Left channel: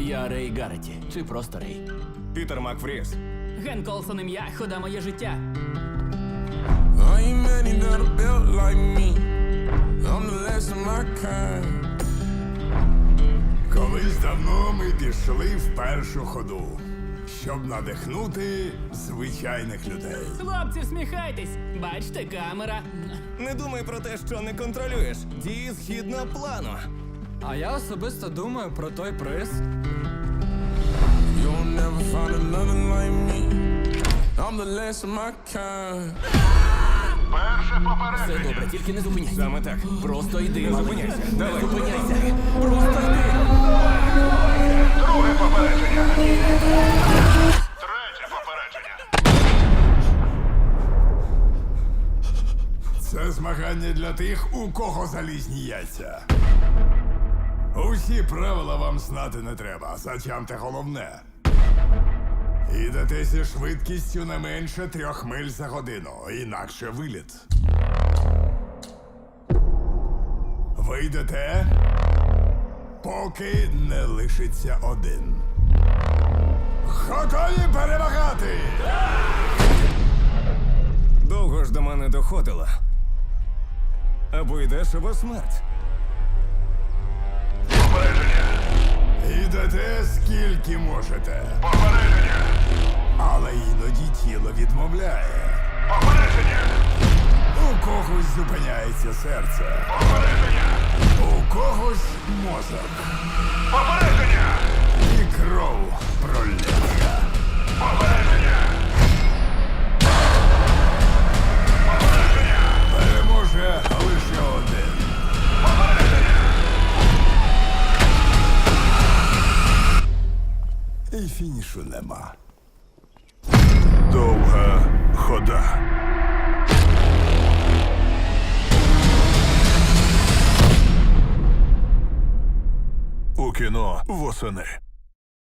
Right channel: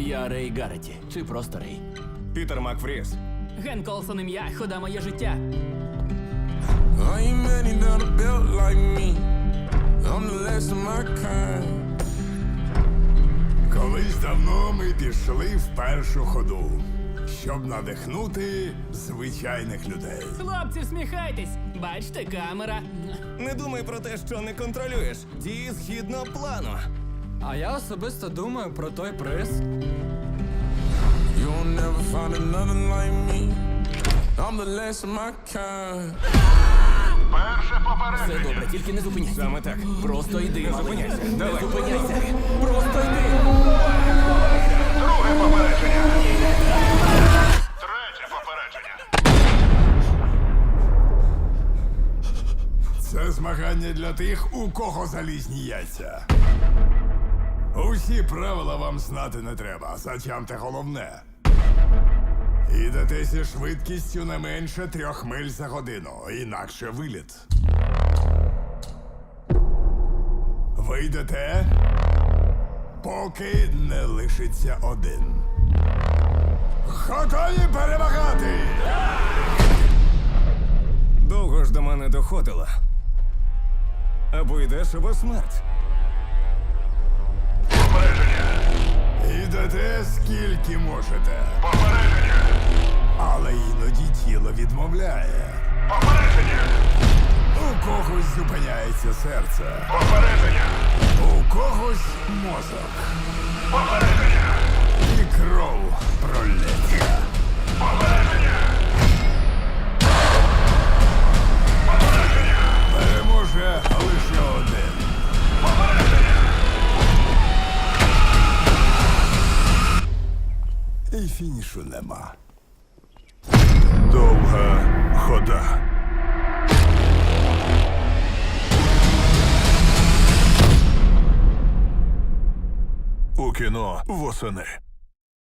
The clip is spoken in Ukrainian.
Я Рей Гарреті, чи просто Рей. Пітер Макфріс. Ген Колсон ім'я, хода моє життя. Ain't many that are built like me. I'm the last of my kind. Колись давно ми пішли в першу ходу, щоб надихнути звичайних людей. Хлопці, всміхайтесь! Бачите, камера. Не думай про те, що не контролюєш. Дії згідно плану. А я особисто думаю про той приз. You'll never find another like me. I'm the last of my kind. Все добре, тільки не зупиняйся. Саме так. Просто йди, Не зупиняйся. Не Давай. зупиняйся. Просто йди. Друге попередження. Третє попередження. Це змагання для тих, у кого залізні яйця. Усі правила вам знати не треба, зачамте головне. Ідете зі швидкістю не менше трьох миль за годину, інакше виліт. Вийдете, поки не лишиться один. Готові перемагати! Довго ж до мене доходило. Або йдеш, або смерть. Ідете скільки можете, Попередження. але іноді тіло відмовляє. Попередження. У когось зупиняється серце, Попередження. у когось мозок Попередження. і кров І фінішу нема. Довга хода. У кіно восени.